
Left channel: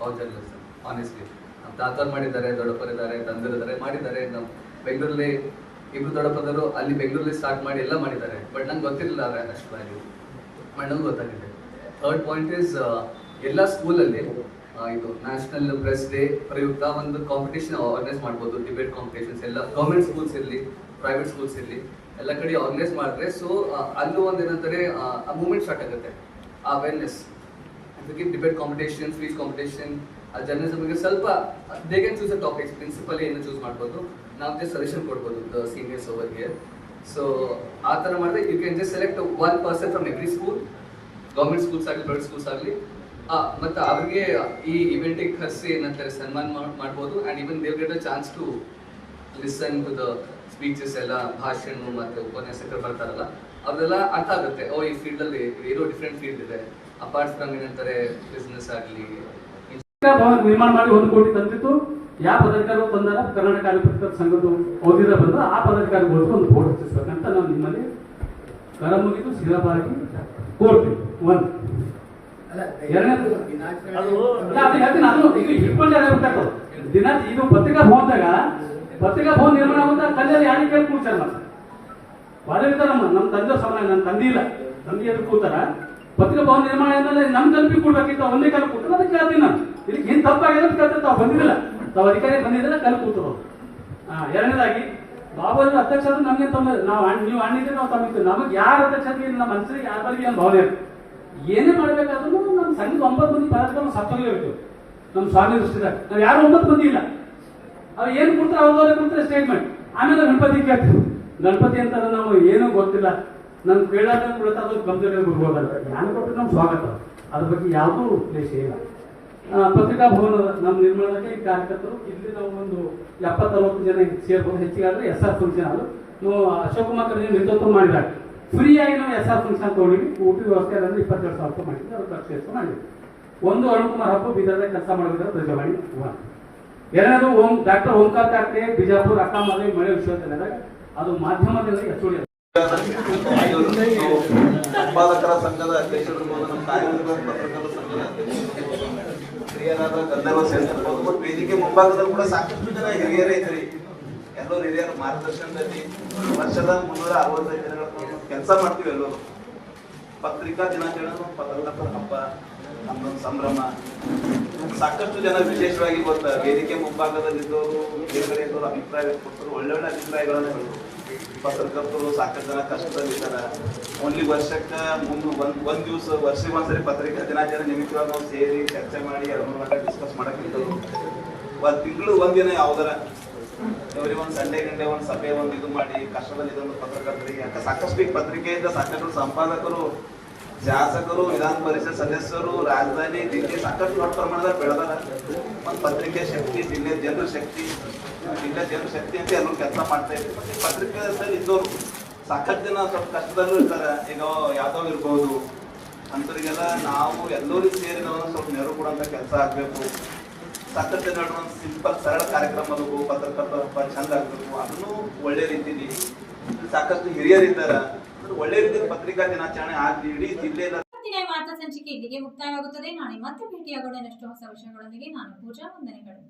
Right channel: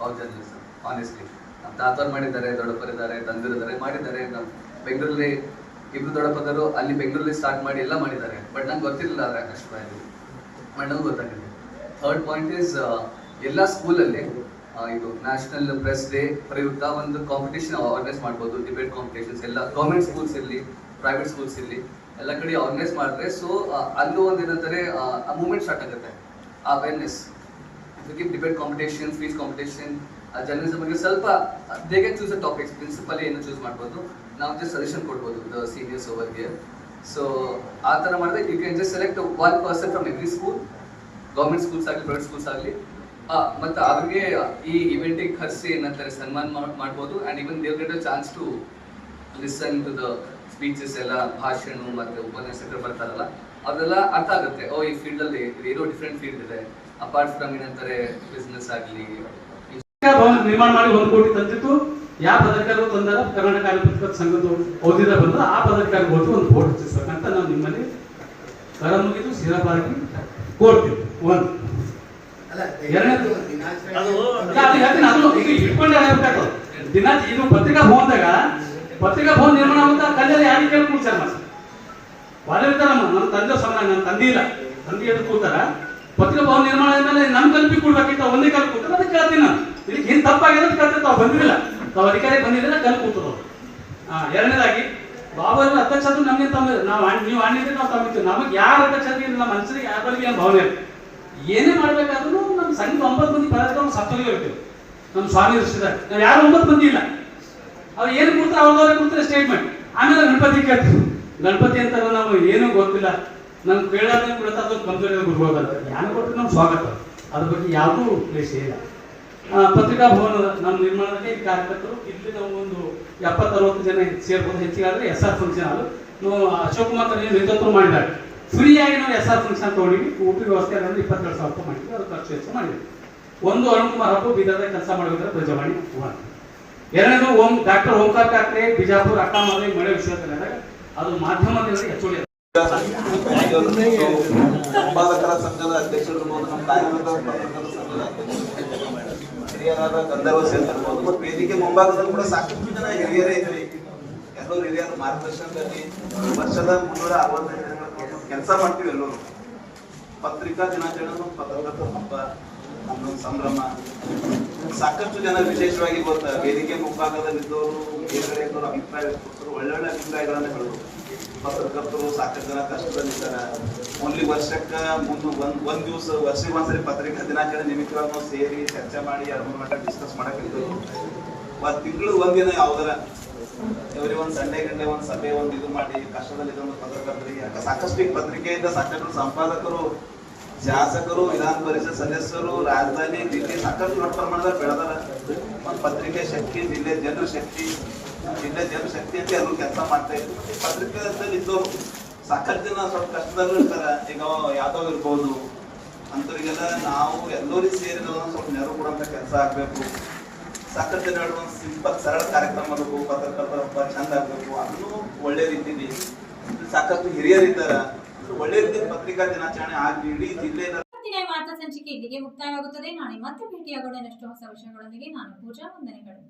of journalism honestly ನಮ್ಮ ತಾತವ್ರು ಮಾಡಿದ್ದಾರೆ, ದೊಡ್ಡಪ್ಪರಿದ್ದಾರೆ, ತಂದಿರಿದ್ದಾರೆ, ಮಾಡಿದ್ದಾರೆ. ನಮ್ಮ ಬೆಂಗಳೂರಲ್ಲಿ ಇಬ್ರು ದೊಡ್ಡಪ್ಪದರು ಅಲ್ಲಿ ಬೆಂಗಳೂರಲ್ಲಿ ಸ್ಟಾರ್ಟ್ ಮಾಡಿ ಎಲ್ಲ ಮಾಡಿದ್ದಾರೆ. ಬಟ್ ನಂಗೆ ಗೊತ್ತಿರಲಿಲ್ಲ ಅದರ ಅಷ್ಟು ವ್ಯಾಲ್ಯೂ ಬಟ್ ನಂಗೆ ಗೊತ್ತಾಗಿದೆ. ಥರ್ಡ್ ಪಾಯಿಂಟ್ ಇಸ್ ಎಲ್ಲ ಸ್ಕೂಲಲ್ಲಿ ಇದು ನ್ಯಾಷನಲ್ ಪ್ರೆಸ್ ಡೇ ಪ್ರಯುಕ್ತ ಒಂದು ಕಾಂಪಿಟೇಷನ್ ಆರ್ಗನೈಸ್ ಮಾಡ್ಬೋದು. ಡಿಬೇಟ್ ಕಾಂಪಿಟೇಷನ್ಸ್ ಎಲ್ಲ ಗೌರ್ಮೆಂಟ್ ಸ್ಕೂಲ್ಸ್ ಇರಲಿ ಪ್ರೈವೇಟ್ ಸ್ಕೂಲ್ಸ್ ಇರಲಿ, ಎಲ್ಲ ಕಡೆ ಆರ್ಗನೈಸ್ ಮಾಡಿದ್ರೆ ಸೊ ಅಲ್ಲೂ ಒಂದು ಏನಂತಾರೆ, ಆ ಮೂಮೆಂಟ್ ಸ್ಟಾರ್ಟ್ ಆಗುತ್ತೆ. Awareness debate competition speech competition journalism ಬಗ್ಗೆ ಸ್ವಲ್ಪ they choose a topics principal ಏನು ಚೂಸ್ ಮಾಡ್ಬೋದು. ನಾವು ಜಸ್ಟ್ ಸಜೆಷನ್ ಕೊಡ್ಬೋದು ದ ಸೀನಿಯರ್ಸ್ ಓವರ್ಗೆ ಸೊ ಆ ಥರ ಮಾಡಿದ್ರೆ you can just select one person from every school government schools ಆಗಲಿ ಪ್ರೈವೇಟ್ ಸ್ಕೂಲ್ಸ್ ಆಗಲಿ. ಮತ್ತು ಅವ್ರಿಗೆ ಈ ಇವೆಂಟಿಗೆ ಖರ್ಚು ಏನಂತಾರೆ ಸನ್ಮಾನ ಮಾಡ್- ಮಾಡ್ಬೋದು. And even they get a chance to listen to the speeches ಎಲ್ಲ, ಭಾಷಣ ಮತ್ತು ಉಪನ್ಯಾಸಕರು ಬರ್ತಾರಲ್ಲ, ಅದೆಲ್ಲ ಅರ್ಥ ಆಗುತ್ತೆ. ಓ ಈ ಫೀಲ್ಡಲ್ಲಿ ಏನೋ ಡಿಫ್ರೆಂಟ್ ಫೀಲ್ಡ್ ಇದೆ. ಅಪಾರ್ಟ್ ಫ್ರಮ್ ಏನಂತಾರೆ ಬಿಸ್ನೆಸ್ ಆಗಲಿ ಭವನ ನಿರ್ಮಾಣ ಮಾಡಿ ಒಂದು ಕೋಟಿ ತಂದಿತ್ತು. ಯಾವ ಪದಾಧಿಕಾರಿಗಳು ತಂದಾರ? ಕರ್ನಾಟಕ ಪತ್ರಿಕಾ ಸಂಘದ ಓದಿದ ಬಂದು ಆ ಪದಾಧಿಕಾರಿ ಹೋಗಿ ಒಂದು ಬೋರ್ಡ್ ಹಚ್ಚಿಸ್ಬೇಕಂತ ನಾವು ನಿಮ್ಮಲ್ಲಿ ಕರ ಮುಗಿದು ಸಿರಬಾಗಿ ಕೋರ್ತೀವಿ ಒಂದು. ದಿನ ಇದು ಪತ್ರಿಕಾ ಭವನದಾಗ ಪತ್ರಿಕಾ ಭವನ ನಿರ್ಮಾಣ ಆಗುತ್ತಾ? ಕಲ್ಲೆ ಯಾರಿಗೆ ಕೇಳಿ ಕೂಡ್ಸಾರ ಒಳ್ಳೆ ಇರ್ತಾರಮ್ಮ ನಮ್ಮ ತಂದೆ ಸಮಯ ನನ್ನ ತಂದೆ ಇಲ್ಲ. ತಂದೆ ಎದ್ದು ಕೂತಾರ. ಪತ್ರಿಕಾ ಭವನ ನಿರ್ಮಾಣ ಆದ್ಮೇಲೆ ನಮ್ ಕಲ್ಪಿ ಕೊಡ್ಬೇಕಿತ್ತು ಒಂದೇ ಕಾಲ ಕೂತಾರ ಅದಕ್ಕೆ ಕೇಳ್ತೀನಿ ನಾನು. ಇದಕ್ಕೆ ಹಿಂದ್ ತಪ್ಪಾಗಿದೆ ಅಂತ ತಾವು ಬಂದಿರಲಿಲ್ಲ. ತಾವು ಅಧಿಕಾರಿ ಬಂದಿದ್ರೆ ಕಲ್ ಕೂತರು ಎರಡನೇದಾಗಿ ಬಾಬು ಅವ್ರ ಅಧ್ಯಕ್ಷ ನಮಗೆ ತಮ್ಮ, ನಾವು ನೀವು ಅಣ್ಣಿದ್ರೆ ನಾವು ತಮ್ಮಿತ್ತು ನಮಗೆ ಯಾರ ಅಧ್ಯಕ್ಷ ನಮ್ಮ ಮನಸ್ಸಿಗೆ ಯಾರ ಬಗ್ಗೆ ಏನು ಭಾವನೆ ಏನೇ ಮಾಡ್ಬೇಕಾದ್ರೂ ನಮ್ಮ ಸಂಘದ ಒಂಬತ್ತು ಮಂದಿ ಪದಾಧಿಕಾರಿ ಸತ್ತೋಗಿರ್ಬೇಕು ನಮ್ಮ ಸ್ವಾಮಿ ದೃಷ್ಟಿದಾಗ. ನಾವು ಯಾರು ಒಂಬತ್ತು ಮಂದಿ ಇಲ್ಲ. ಅವ್ರು ಏನು ಕೊಡ್ತಾರೆ ಅವ್ರದವ್ರೆ ಕೊಡ್ತಾರೆ ಸ್ಟೇಟ್ಮೆಂಟ್ ಆಮೇಲೆ ಗಣಪತಿ ಕೇಳ್ತೀವಿ ಗಣಪತಿ ಅಂತ ನಾವು ಏನೂ ಗೊತ್ತಿಲ್ಲ. ನಮ್ಗೆ ಕೇಳೋದೇ ಕೂಡ ಅದು ಕಂಪ್ಯೂಟರ್ ಗುರುಗಳು ಯಾರು ಕೊಟ್ಟರೆ ನಮ್ಮ ಸ್ವಾಗತ. ಅದ್ರ ಬಗ್ಗೆ ಯಾವುದೂ ಪ್ಲೇಸ್ ಇಲ್ಲ ಪತ್ರಿಕಾ ಭವನ, ನಮ್ಮ ನಿರ್ಮಾಣದಲ್ಲಿ ಕಾರ್ಯಕರ್ತರು ಇಲ್ಲಿ ನಾವು ಒಂದು ಎಪ್ಪತ್ತು ಅರವತ್ತು ಜನ ಸೇರ್ಬೋದು ಹೆಚ್ಚಿಗೆ ಎಸ್ ಆರ್ ಫಂಕ್ಷನ್ ಅದು ನಾವು ಅಶೋಕ್ ಕುಮಾರ್ ಏನು ನೇತೃತ್ವ ಮಾಡಿದ್ದಾರೆ. ಫ್ರೀಯಾಗಿ ನಾವು ಎಸ್ ಆರ್ ಫಂಕ್ಷನ್ ತಗೊಂಡಿವಿ ಊಟ ವ್ಯವಸ್ಥೆ ಅಂದ್ರೆ ಇಪ್ಪತ್ತೆರಡು ಸಾವಿರ ರೂಪಾಯಿ ಮಾಡಿದ್ವಿ. ಅದು ಖರ್ಚು ವೆಚ್ಚ ಮಾಡಿದ್ವಿ. ಒಂದು ಅರುಣ್ ಕುಮಾರ್ ಹಬ್ಬ ಬೀದರ್ದಾಗ ಕೆಲಸ ಮಾಡೋದ್ರ ಪ್ರಜಾವಾಣಿ ಒನ್ ಎರಡನೇದು ಓಂ, ಡಾಕ್ಟರ್ ಓಂಕಾರ್ ಕಾಕ್ರೆ, ಬಿಜಾಪುರ ಅಕ್ಕಾಮಲೆ, ಮಳೆ ವಿಶ್ವವಿದ್ಯಾಲಯದಾಗ ಅದು ಮಾಧ್ಯಮದಲ್ಲಿ ಸಂಪಾದಕರ ಸಂಘದ ಅಧ್ಯಕ್ಷರು ನಮ್ಮ ಪತ್ರಕರ್ತರ ಸಂಘದ ಅಧ್ಯಕ್ಷರು. ಹಿರಿಯರಾದ ಗಂಧರ್ವ ಸೇರ್ತಿರ್ಬೋದು. ವೇದಿಕೆ ಮುಂಭಾಗದಲ್ಲಿ ಕೂಡ ಸಾಕಷ್ಟು ಜನ ಹಿರಿಯರೇ ಇದ್ರಿ. ಎಲ್ಲರೂ ಹಿರಿಯರ ಮಾರ್ಗದರ್ಶನದಲ್ಲಿ ವರ್ಷದ ಮುನ್ನೂರ ಅರವತ್ತೈದು ದಿನಗಳ ಕೆಲಸ ಮಾಡ್ತೀವಿ ಎಲ್ಲರೂ. ಪತ್ರಿಕಾ ದಿನಾಚರಣೆ ಪತ್ರಕರ್ತರ ಹಬ್ಬ ನಮ್ಮದೊಂದು ಸಂಭ್ರಮ. ಸಾಕಷ್ಟು ಜನ ವಿಶೇಷವಾಗಿ ಗೊತ್ತ ವೇದಿಕೆ ಮುಂಭಾಗದಲ್ಲಿದ್ದವರು ಬೇರೆ ಬೇರೆ ಅಭಿಪ್ರಾಯ ಒಳ್ಳೆ ಒಳ್ಳೊಳ್ಳೆ ಅಭಿಪ್ರಾಯಗಳನ್ನ ಹೇಳಿದ್ರು. ಪತ್ರಕರ್ತರು ಸಾಕಷ್ಟು ಜನ ಕಷ್ಟದಲ್ಲಿದ್ದಾರೆ. ಓನ್ಲಿ ವರ್ಷಕ್ಕೆ ಮುಂದೆ ಒಂದ್ ಒಂದ್ ದಿವಸ ವರ್ಷಕ್ಕೆ ಒಂದ್ಸರಿ ಪತ್ರಿಕಾ ದಿನಾಚರಣೆ ನಿಮಿತ್ತವಾಗಿ ನಾವು ಸೇರಿ ಚರ್ಚೆ ಮಾಡಿ ಅದನ್ನ ಮಟ್ಟ ಡಿಸ್ಕಸ್ ಮಾಡಕ್ಕಿದ್ದು ಒಂದ್ ತಿಂಗಳು ಒಂದಿನ ಯಾವ್ದಾರ? ಎವ್ರಿ ಒಂದ್ ಸಂಡೇ ಗಂಟೆ ಒಂದ್ ಸಭೆ, ಒಂದ್ ಇದು ಮಾಡಿ, ಕಷ್ಟದಲ್ಲಿ ಇದೊಂದು ಪತ್ರಕರ್ತರಿಗೆ, ಸಾಕಷ್ಟು ಪತ್ರಿಕೆಯಿಂದ ಸಾಕಷ್ಟು ಸಂಪಾದಕರು ಶಾಸಕರು, ವಿಧಾನ ಪರಿಷತ್ ಸದಸ್ಯರು, ರಾಜಧಾನಿ ದಿಲ್ಲಿ ಸಾಕಷ್ಟು ದೊಡ್ಡ ಪ್ರಮಾಣದಲ್ಲಿ ಬೆಳೆದಾರ ಮತ್ತು ಪತ್ರಿಕೆ ಶಕ್ತಿ, ಜಿಲ್ಲೆ ಜನರ ಶಕ್ತಿ, ಜಿಲ್ಲೆ ಜನರ ಶಕ್ತಿ ಅಂತ ಎಲ್ಲರೂ ಕೆಲಸ ಮಾಡ್ತಾ ಇದ್ರು. ಪತ್ರಿಕೆದಲ್ಲಿ ಇದ್ದವರು ಸಾಕಷ್ಟು ಜನ ಸ್ವಲ್ಪ ಕಷ್ಟದಲ್ಲೂ ಇರ್ತಾರೆ. ಈಗ ಯಾವ್ದೋ ಇರ್ಬೋದು. ಅಂತರಿಗೆಲ್ಲ ನಾವು ಎಲ್ಲರೂ ಸೇರಿ ನಾವು ಸ್ವಲ್ಪ ನೆರವು ಕೊಡುವಂಥ ಕೆಲಸ ಆಗಬೇಕು. ಸಾಕಷ್ಟು ಜನ ಒಂದು ಸಿಂಪಲ್, ಸರಳ ಕಾರ್ಯಕ್ರಮ ಪತ್ರಕರ್ತರ ಚಂದ ಆಗಬೇಕು. ಅದನ್ನು ಒಳ್ಳೆ ರೀತಿಲಿ ಸಾಕಷ್ಟು ಹಿರಿಯರಿದ್ದಾರ. ಒಳ್ಳೆ ರೀತಿ ಪತ್ರಿಕಾ ದಿನಾಚರಣೆ ಆಗಲಿ, ಇಡೀ ಜಿಲ್ಲೆಯ ವಾರ್ತಾ ಸಂಚಿಕೆ ಇಲ್ಲಿಗೆ ಮುಕ್ತಾಯವಾಗುತ್ತದೆ. ನಾಳೆ ಮತ್ತೆ ಭೇಟಿಯಾಗೋಣ. ಹೊಸ ವಿಷಯಗಳೊಂದಿಗೆ ನಾನು ಪೂಜಾ ವಂದನೆಗಳು.